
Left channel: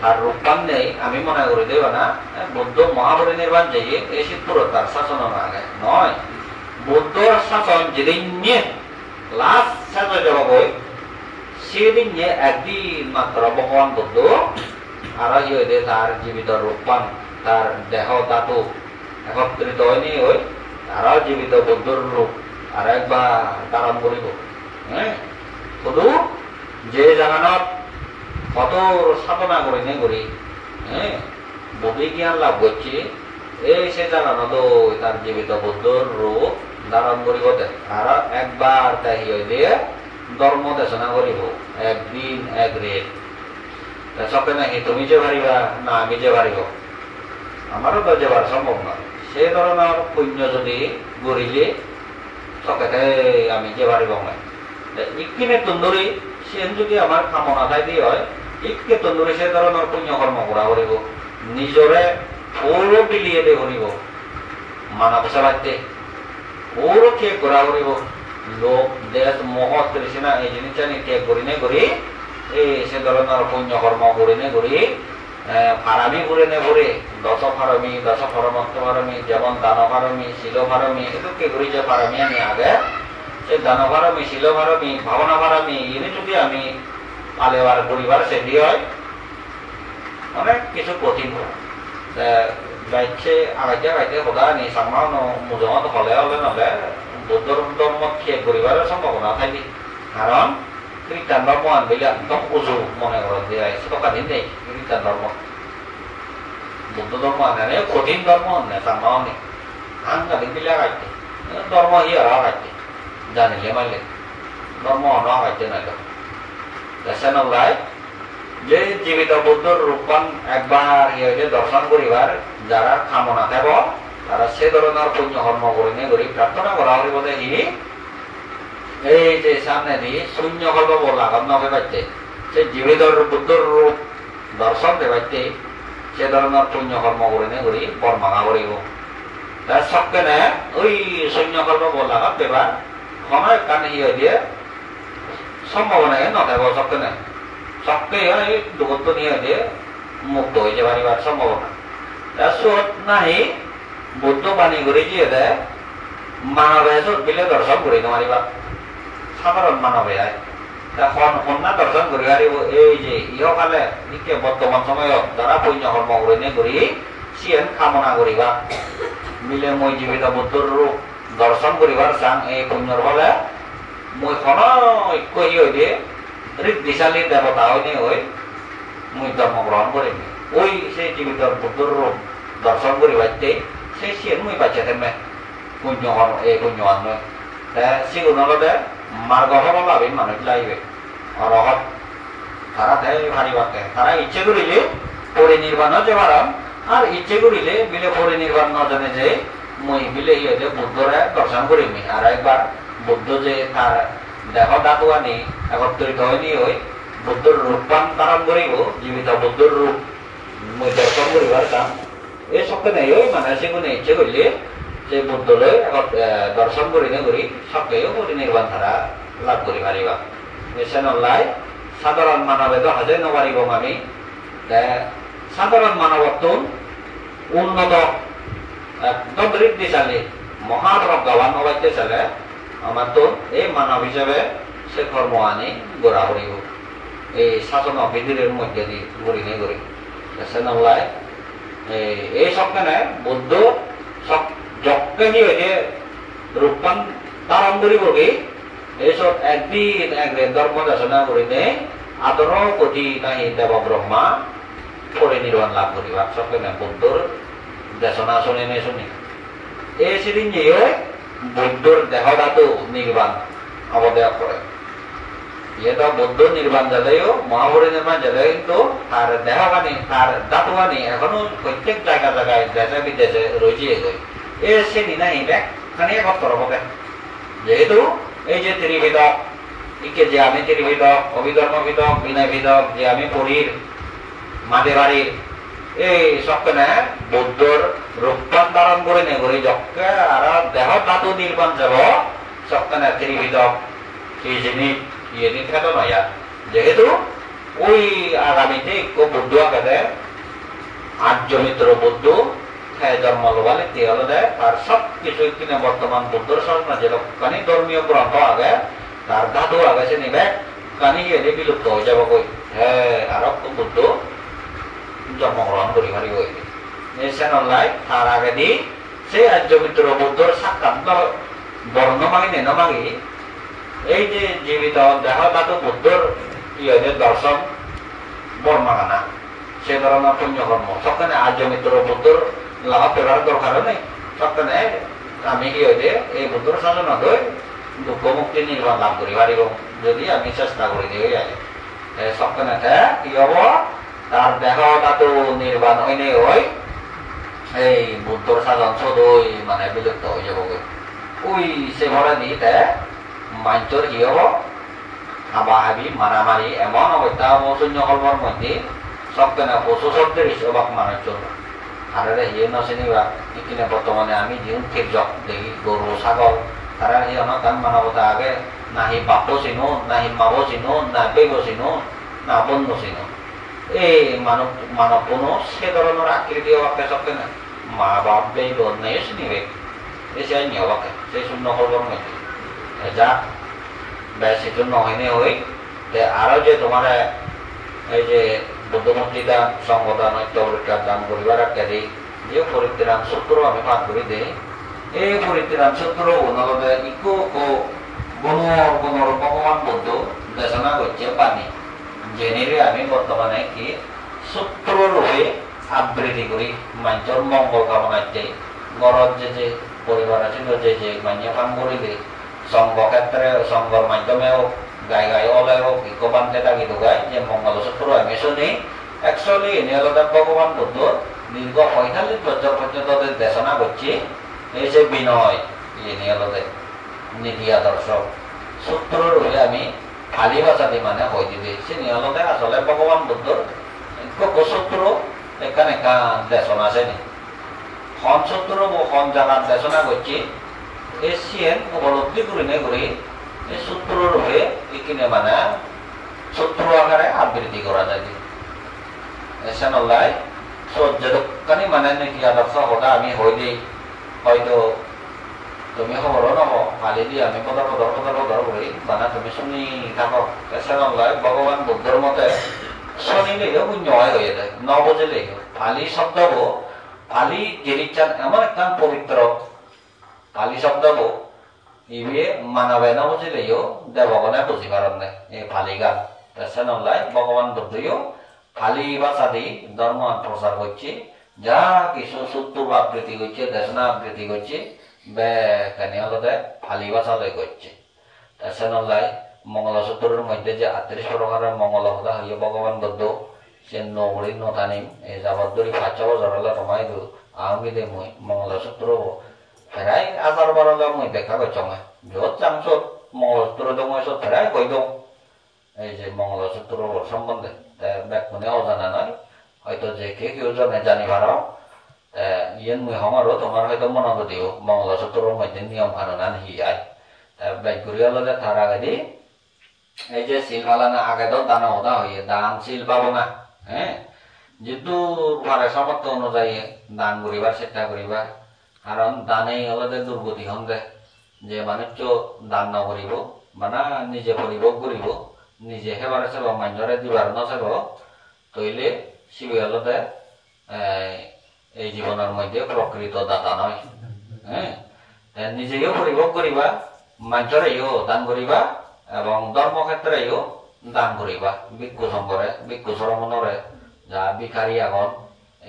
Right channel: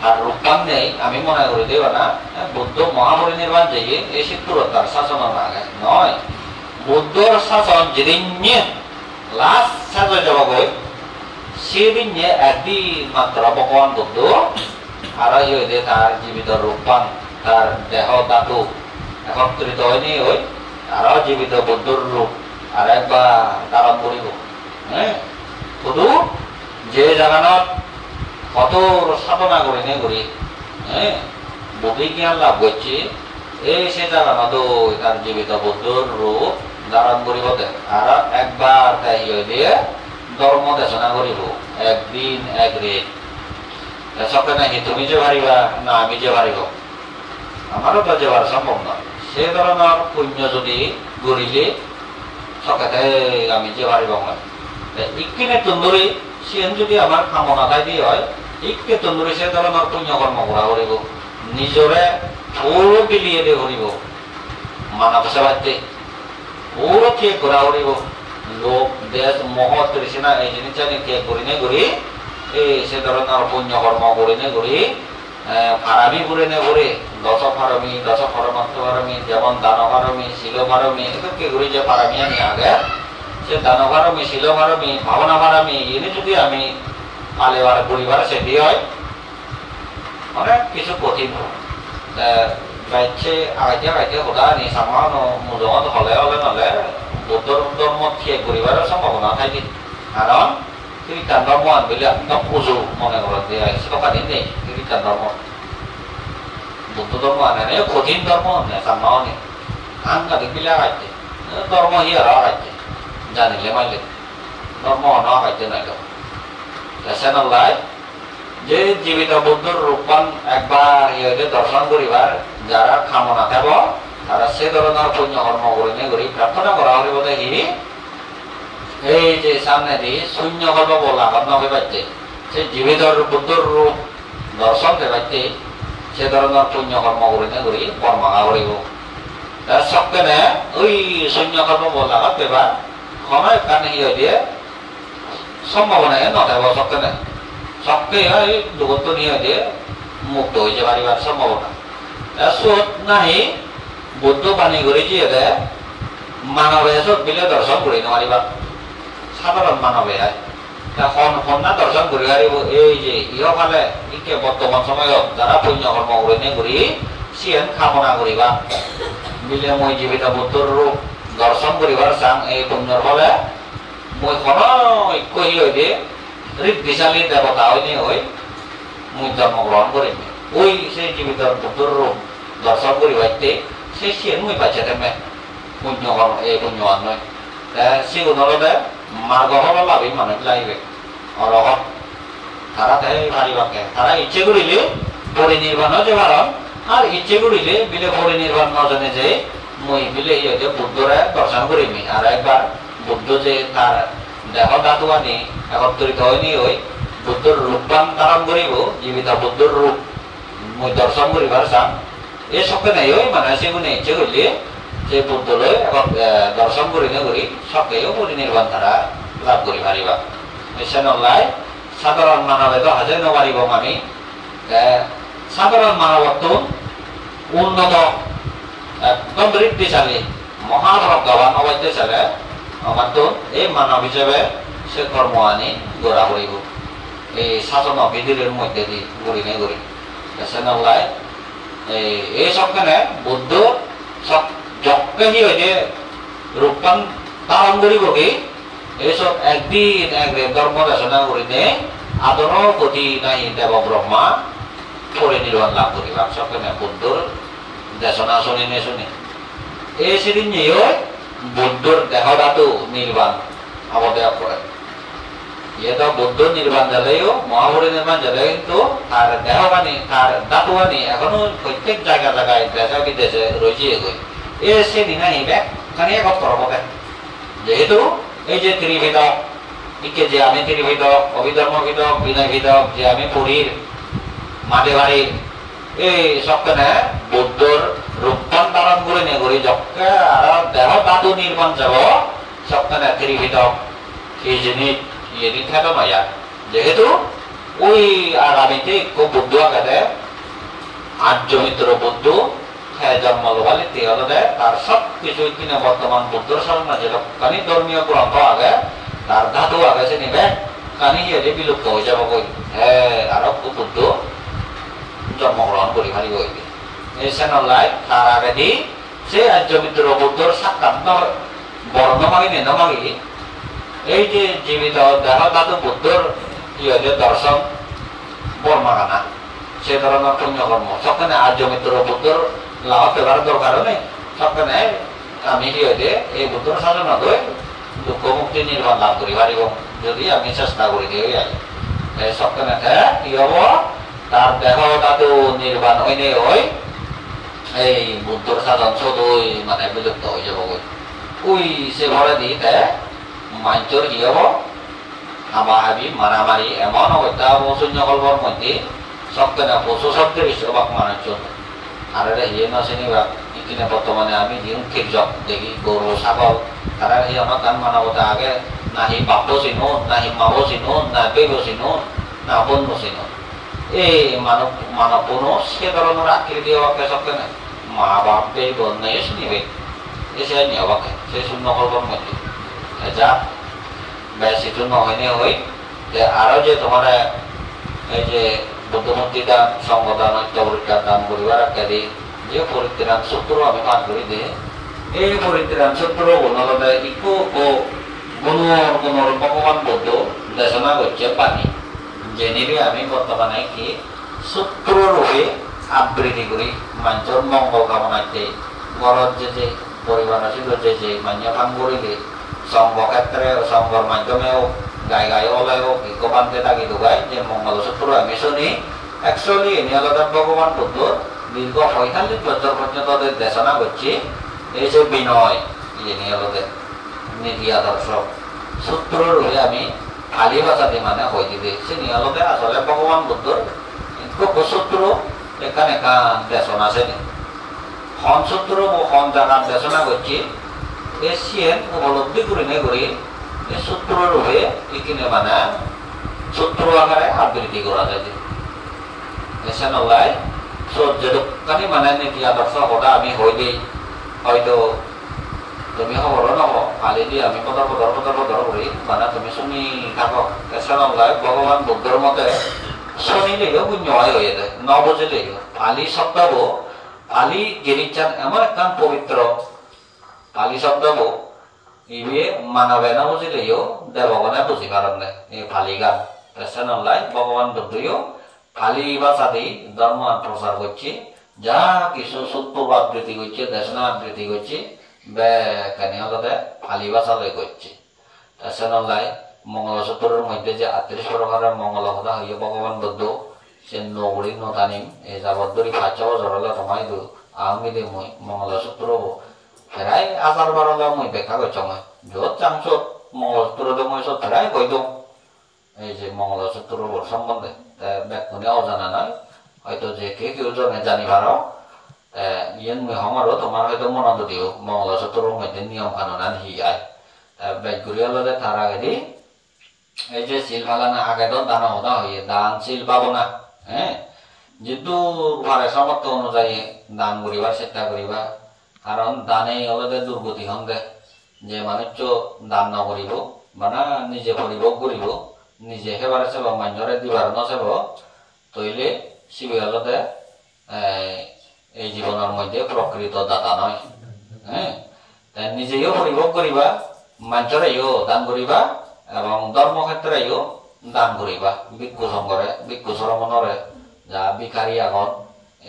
তার রূপান নেই আমি মনে করি দেব না বুদ্ধ মহাপরিনির্বাণ যে এই শিবপুর তার শাসন আগে নয় বুদ্ধর শাসন যেদিন লাস্ট সাজা যাব সেদিন একদিন মাত্র ভগবান বুদ্ধ আর তার জীবিত রূপান তার দেহ ধাতু একত্রিত হয়নি ওই তারাও জীবিত বুদ্ধর রূপ আর একবার ধারণ করিব হ্যাঁ শুধু যে জাগানত কত সাধনা করি নে করি হ্যাঁ বুদ্ধি জ্ঞান লাভ করছি এই সে জাগানত তার জীবিত বুদ্ধর রূপ ধারণ করিব আর একবার তাই দিয়ে ধর্ম দেশনা করিব একদিন এক রেট সকে নাকি তুমি যে ভারিবা না আমি যে ভারিব আমারও তো যাবার সম্ভব নয় সে ধরনের পুণ্য যদি গড়িলে সকালে আমি যে ভারিব না ইকিনে তন্দুরি সে যদি আমার কামনা খাই দিয়ে হয় ইকে তন্দুরি সে ধরনের পুণ্য কর্ম করা করিব নিজরে পুরো বিলিয়ে দিয়ে করিব মানব সেবাইতে পুরো ঠিক করা করিব লোক দেশ মোহ তৃষ্ণা এই জিনিস জানি ঠিক করি নে করি এই সে ধরনের পুণ্য কর্ম করি নে করি ফারামি করে নে করে দশ ফরমত্ব ফারামি যেমন দান ফারামি শিল ফারামি এটা কে করি যে ফারামি আনি আগে সে দান ফারামি শিল ফারামি ভাবনা ফারামি এনে যদি আমি পালেবার পরিবার সে দিয়ে হয় অনেক কিছু কঠিন বাইছে আগাইতে কথা নি সামান মুজমত হলে নলে বুদ্ধর ধর্ম ঠিক করিবার সম্ভাবনা থাকি কারণ খ্রিস্টান ধর্ম আনবিলে একদম উজু মনে করা দিয়ে সেটা দিন নেই খ্রিস্টান ধর্ম বুদ্ধ ধর্ম আনে কঠিন ধর্ম আনে সামনাও নেই আনগাদিক বিলে আগাইতে ধর্ম হি আর আগাইতে জানিলে মাইলে ধর্ম অন আগাইতে নাই সেনাল্লাই যে জীবিত বুদ্ধর রূপান একবার ইয়ে দর্শন করিবার যারা কামনা থাকব তারা সে ধরনের পুণ্য কর্ম করি নে করি প্রার্থনা করা হইব দেখি এই যে সামনে দি শূন্য করবো বলা নবে পাইতে সে জীবিত বুদ্ধর রূপ দর্শন দেবাইতে সে ধরনের পুণ্য কর্ম করি নে করি বর্মাঙা করিব তার সবকে নে ওই শূন্য করবো বলা দেবার সময় কান ইয়ে দিয়ে সম্ভাবনায় নথাব সবকে নে সবকে এই দুগত্ব নিয়ে দিয়ে মুক্ত হয়েছে পারিবার সম্ভাবনা সুত নাহি বুদ্ধ বাণী করে দিয়ে দেয় মানবে সব বিলে দর্শন করি নারিবার সাধারণ মানবে কন্যা দর্শন করি পারিব এই যে ইহকালে ইকে বর্তমান সময়ত যারা পুণ্য কর্ম করে নে করি সিয়েন কামনা করিবা মিলে মই জীবিত বুদ্ধর রূপ দর্শন করিবার চাং এই পুণ্যর ফলে মই ঐক্য হয়ে দিয়ে ঋদ্ধিশালী দেবতা হয়নি হই মুই জন্মগ্রহণ করিম ওই সেই জীবিত বুদ্ধর রূপ দর্শন করিবাইতে সেই সিয়েন মুই পাইছে তেমে পুণ্য এই পুণ্যবান নয় সিগুণলতে মার্গ হল লাভি মানুষ লাগবে অরহত তারা দেয় পারিবাকে তারা ইচ্ছে করিলে পরিনির্বাণ যে পারন আর ইচ্ছে করিলে বিলে পরিনির্বাণ নজনে যে মই বিলে ইয়ে বুদ্ধরে দর্শন করিমি আর একবার বুদ্ধ যে তার দেহ ধাতু আনি একত্রিত হয়নি ওই বুদ্ধর রূপান ধারণ করিব জীবিত বুদ্ধর রূপ মই দর্শন করিবার চান এই সবকে নেই ওই মানে সেগুলো ইচ্ছে করলে যে বুদ্ধলৈ দর্শন করি নে করি সবকেও পরিনির্বাণ তারা লাভ করি পারিবা মিশনলাই সাধারণ মানবে তো হাজে নপারিব আমি সাধারণ মানবত্ব উন্নত একদম ঋদ্ধিশালী মহাপ্রজ্ঞাবান হবাইতে চালে আমার তো এই মানব হিসেবে সে কর্ম আনি গড়া করিব এই শাসন বিধির মধ্যে দিয়ে গড়ি নে করি সেনলাই এই সবখানে বুদ্ধ সব যজ্ঞ হয়ে রূপান ধারণ করিব কি এইসব একদিন ধর্ম দেশনা করিলে আদর গতি নাই দেব ব্রহ্মা পরিনির্বাণ লাভ করিবা সবখানে বুদ্ধর দেশনা শুনি নে শুনি এই সেদিন নিয়ে বুদ্ধর দেহ ধাতু নির্বাণ অবদেয় করে ইয়ে তো বুদ্ধ নির্বাণ জালেও মহাপরিনির্বাণ জালে কিন্তু তার দেহ বাণী তার ধাতু বাণী এখনো প্রত্যেক জায়গায় দেশে বিদেশে রয়েছে এই সেদিন নাই ব্যাগ খানি এক করব যেহেতু এই যে ত্রিভেদক ইকে যে আমি ত্রিভেদক অভিধর্ম ভেদক বিনয় ভেদক যে আমি পুরীর মাঠে বাড়ির এই সবখানে বুদ্ধর রূপবান ধারণ করে নে করি যকে আর দেহ ধাতু নির্মাণ যাব সবখানে ত্রিভেদক এই জিনিস ইয়ে থাকে নয়া যেহেতু ওই আগামীতে খুব বুদ্ধ আগে আর্য মিত্র বুদ্ধ জন্ম লোবালে তেল দেয় আর সব কিছু কিনে বর্তমান বুদ্ধর সাধনা যেখানে ধর্মীয় গ্রন্থ আগে তার ধাতু আগে সে নিবে কানি এলে বিলুপ্ত হয়ে যাব কই হ্যাঁ আর বুদ্ধ জন্মগ্রহণ করি মারি বই সেনলাই তার আগে দি সে আর্য মিত্র বুদ্ধর সাক্ষাৎ বর্ণ মাগি নেন মাগি এই যে জীবিত দেহ ধাতু বুদ্ধর ইয়ে দর্শন বর্মাগানা সে ধরনের পুণ্যকর্ম সবখানে আর্য মিত্র বুদ্ধর লাভ পেবার দরকার নেই সবখানে আমি কি হইলে এই বুদ্ধর সাধনা দই দুঃখ মুক্তি নির্বাণ লাভ করি পারিব যদি আমি চেষ্টা করি দিই সবখানে কি হব তার দেহ ধাতু নির্বাণ হইনে হয় এই বুদ্ধর সাধন সদই মানে বিলুপ্ত হয়ে যাব ওই সে ভরে দিতে মাঞ্চর কি হব হাবাহাবি মারামারি এমন অবস্থা শূন্য কল্পর মধ্যে সবখানে পশু শব্দের হিসেবাক মানুষ আর এটা হিয়ে নচিনিবা ইকিনে বর্তমানে আমি যিন কীর্যক দেখি গরু ছাগল তারা সেই অনুদান মানবতা আগে নাহি বাপ চিনো নাহি মাব চিনো না বেগ চিনো না বন্ধু চিনো এই মানব কোনো সে ধরনের আকৃতি হওয়াকে সবখানে মা বাপ বেগ নেই চিনিবে এসে নিয়ে হওয়াকে সেই শূন্য কল্পর মধ্যে যা বেশি শূন্য হয়নি হই আরো যে তোমার এই যে বুদ্ধমূর্তি দান সংগদান ঐক্যবৃত্তার দান করিবার ইত্যাদি যে পরিত্রাণ সূত্র আমি পাঠ করি দে এই পরিত্রাণ সূত্র বনলতে ইকো ও গুণর ভগবান বুদ্ধ দেশনা করছে পানি জেনেলে আমি বর্তমানে কি সূত্র রূপে আবৃত্তি করি মানুষের মঙ্গল কামনাতে ঘরত যে পরিবার আছিল যে মান্য কাম করিলে সংঘ ক্ষেত্রে সংঘর মাধ্যমেও গাই গাই ওলাই হোক ইকোপানকে থাকি ঢুকাই যে মঙ্গলসূত্র আমি শুনি অ্যাকচুয়ালি এনে আলাদা ভগবান বুদ্ধ দীর্ঘ ৪৫ বছর পর্যন্ত দেশনা করছি এই যে বিনয় এনে আলাদা নীতি আদর্শ সূত্র রূপে আমি খালি ভাষাতে মানে হয়ে দিতে সে নিয়ে আলাদা আসলে ভগবান বুদ্ধর সূত্র এখানে দেশনা আছে নি হন সূত্র হন জায়গার দেশনা করছি এশিয়ান উপলব্ধি করে নে করি সূত্র রূপে এখানে মানে সূত্র আকারে আবৃত্তি করা যায় এসানলাই যেখানে মানে নীতি আদর্শ কথা আমি হয়ে দিই হয়তো তুমি খবর নব ফালি দিয়ে আমি পদর করি মানে তুমি শুনি থাকো এসানলাই ভগবান বুদ্ধর মতে শুনিলেও শূন্য হয়ে যায় ন বুঝিলেও ফালি শব্দব ফালি গিরিচান এমন একটা পবিত্র ফালি শব্দব ইবে মানবে না বুঝিলেও দেবগণে বুঝি পারেন না এই ফালি গান পেছনলাই ভগবান বুদ্ধও ফালি ভাষা দিয়ে ধর্ম প্রচার করছে যা কিছু সূত্র আবৃত্তি করছে দেশনা আবৃত্তি করছে বেখানে হলতে ফালি ভাষা লই করছে পেছনলাই মঙ্গলসূত্রের মধ্যে যে ৩৮ প্রকারের মঙ্গল কথা হইয়া ভগবান বুদ্ধ সে নগরী নতানিম এই যাবতরি ৫ বছর হলে কমাই দিও আমি দে মই মঙ্গলসূত্র ফেরাই আচার বারলে মই ব্যাখ্যা করছো মই যত চাংসত মঙ্গলসূত্র মই সব ফেরাই কই দিও এই যে মঙ্গলসূত্র সম্বন্ধে ব্যাখ্যানে অজানা নয় হয়তো যে কেউ জনে জানি পারো ইয়েন মই হমারও তোমার হয়তো মনত দিও মঙ্গলসূত্রের মধ্যে নিয়ম কানুন আন হিয়াই ব্যাখ্যা হলে তার আগে দি এই যে শিল ফালানা আগে তো দান হদা হইয়ে দান শিল পাবো না হ্যাঁ যেহেতু ঘরে সামর্থ্য অনুযায়ী দান করিবার চেষ্টা করিবা কারণ দানে হলে দুর্গতি হন দে যে মানুষ দান নকরিব মানে নিজে করিব করিব নিজে সেবার চাব মান্যরে দিবার নচাব তৈলে শিবি হলতে এই জীবনের মধ্যে প্রকৃত দাতা নয় হ্যাঁ নিজেও করিব করিবা মান্যরেও দান করিবা এবং ধর্মক্ষেত্রেও দান করিবা ভিক্ষু সংঘরে ভিক্ষু শ্রমণরে যা ভিখারি আগন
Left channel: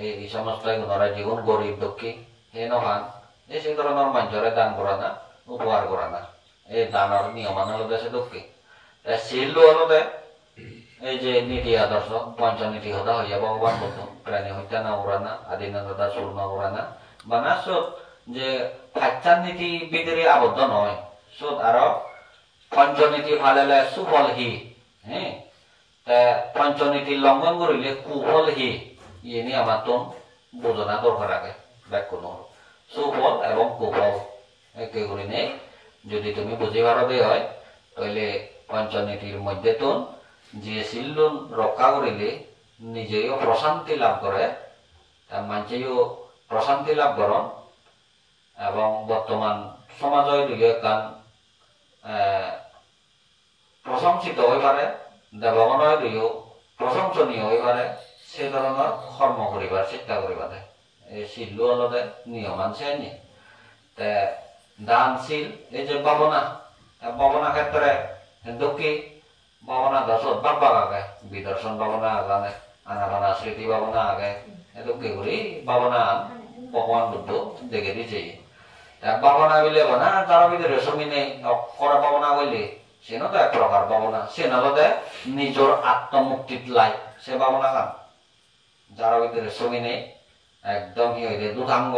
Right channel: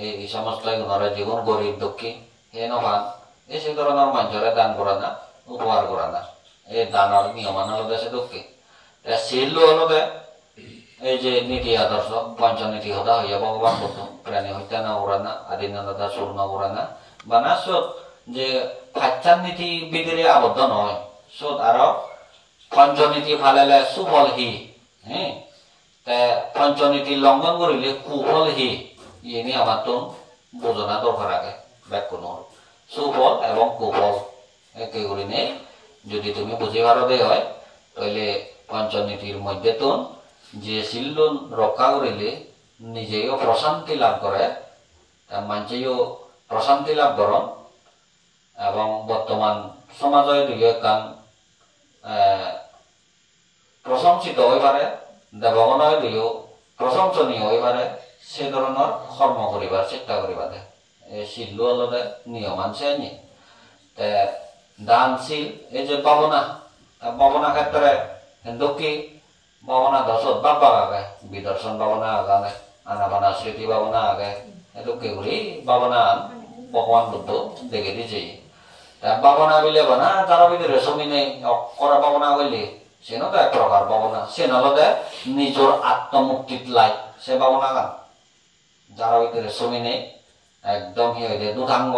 এই সমস্ত গুণরে যেগুন গরিব দুঃখী এই নহান এই সেই ধরনের মানুষরে দান করা না উপহার করা না এই দানের নিয়মান হলো দেশে দুঃখী শিল হলতে এই যে নীতি আদর্শ পঞ্চনীতি হতা হইয়া ভগবান বুদ্ধ প্রাণী হত্যা না করা না আদিনতা চুর না করা না বানা সব যে ফাচ্চার নীতি ভিতরে আবদ্ধ নয় সব আরো পঞ্চনীতি ফালেলে সুফল হি হ্যাঁ তে পঞ্চনীতি লঙ্ঘন করিলে কুফল হি ইনি আমার তো বোঝনা দরকার আগে ব্যাখ্য নহল সুফল এবং কুফল একে করি নেই যদি তুমি বুঝি ভারতে হয় তাহলে পঞ্চনীতির মধ্যে তো যে শিল্লন রক্ষা করিলে নিজেও প্রশান্তি লাভ করে মানুষেও প্রশান্তি লাভ করন এবং বর্তমান সমাজের দিকে কান প্রশংসিত হয়ে পারে দেবগণের দিকেও প্রশংসনীয় হয়ে পারে সে ধরনের কর্ম করিবার চেষ্টা করিবারে এই শিল্লু আলাদা নিয়ম আনছে নি দানশীল এই যে ভাবনা ক্ষেত্রে দক্ষি ভাবনা দশত বাবা আগে বিদর্শন ভাবনা আগানে আনাবানা স্মৃতি ভাবনা আগে দক্ষি করি ভাবনা ভগবান বুদ্ধ দেখে দিছে ভাবনা বিলে বানা তার ভিতরে সমিনে করা ভাবনা বললে সে না তো এক প্রকার ভাবনা সে নালদে নিজের আত্মমুক্তিত লাই সে ভাবনা গান যার ভিতরে সমিনে একদম হি হইলে দুধাঙ্গ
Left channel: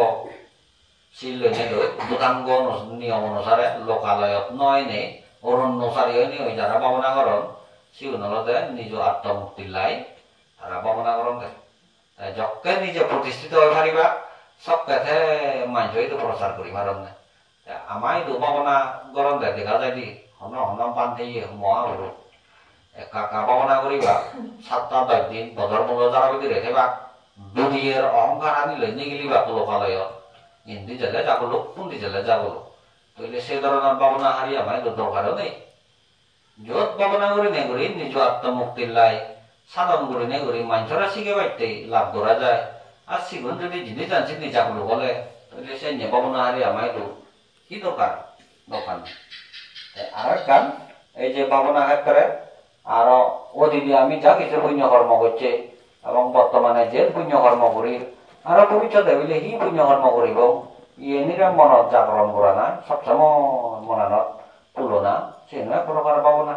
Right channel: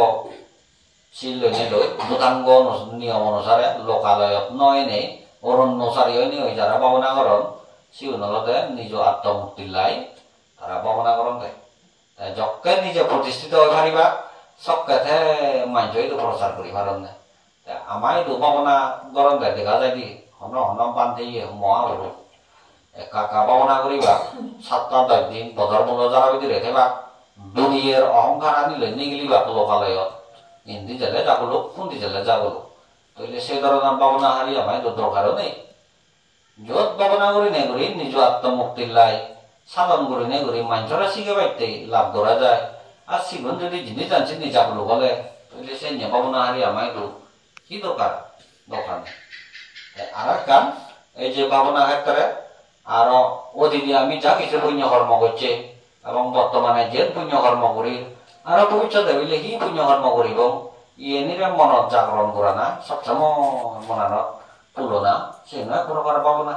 শিল লইনে লই দুধাঙ্গ নিয়ম অনুসারে লোকালয়ত নয় নেই অরণ্যচারী হয়নি ওই যারা ভাবনা করন সিও নলদে নিজ আত্মমুক্তির লাই তারা ভাবনা করন দেয় যকে নিজে প্রতিষ্ঠিত হয়ে পারিবা সবকে মানুষ তো প্রচার করি পারেন না আমায় তো ভাবনা গরম দেয় দেখা যায় দি হন হন বান্ধে মহাগুরু কাকা ভাবনা করিবা 7-10 দিন বদর মূল যারা ভিতরে থেবা দুনিয়ার অহংকার আনি লই নিগিলিবা লোকালয়ত হিন্দি জেলে যাগুলো কুন্দি জেলে যাগুলো তাহলে সে ধরনের ভাবনা হারি আমায় তো দরকারও নেই যত ভাবনা করি নে করি নিজ আত্মমুক্তির লাই সাধন করি নে করি মানুষরা শিখে পাইতে লাভ ধরা যায় আর শিখুন যদি জিনিস জানছি নিজাগুলো বলে তাহলে সে নিয়ে ভাবনা হারি আমায় তো কি দরকার দরকার নেই আর এক গান এই যে ভাবনা ক্ষেত্রে আরো অতীতে আমি যা কিছু পুণ্য কর্ম করছে এবং বর্তমানে যে পুণ্য কর্ম করি আর ভবিষ্যতে বলে কি পুণ্য কর্ম করিব ইয়ে মনত জাগরণ করা না সবসময় মনানত তুলনা সে নয় প্রকার ভাবনা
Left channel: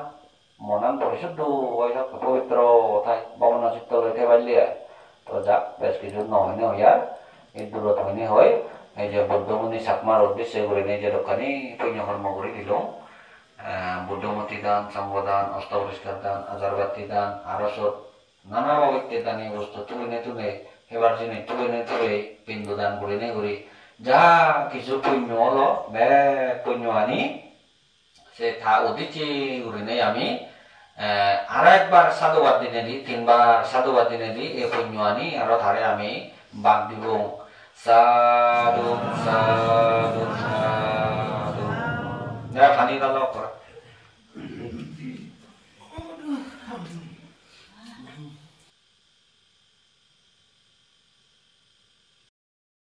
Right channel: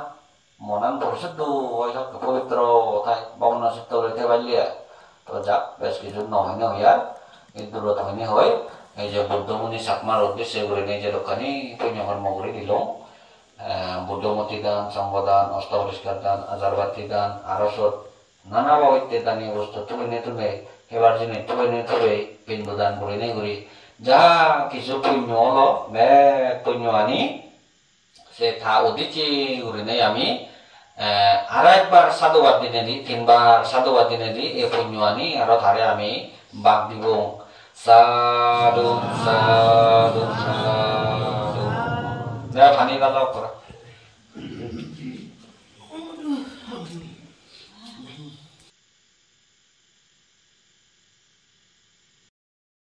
মনান পরিশুদ্ধ পবিত্র ঠাই ভাবনা চিত্ত লইতে পারলে তো যাক বেশ কিছু নহইনে হইয়ার এই দূরত হইনে হয় এই যে বুদ্ধমুনি সাতমার উদ্দেশ্যে করে নেই যে দোকানি পুণ্য কর্ম করে দিল বুদ্ধমতি দান সংবদান অষ্টপরিষ্কার দান আজারবাতি দান আরসত নানা বাবিত্যের দানীয় বস্তু তুলে এবার যিনি তুলে পিণ্ড দান করে নেই করি যা কিছু পুণ্য হলো পুণ্য আনি সে থা উদিচি করে নেই আমি আর একবার সাধুবাদ দিনে দি 3বার সাধুবাদ দিনে দি এই পুণ্য আনি আরো ধারে আমি বাদ দিব সাধু সাধু সাধু ফানি দাদা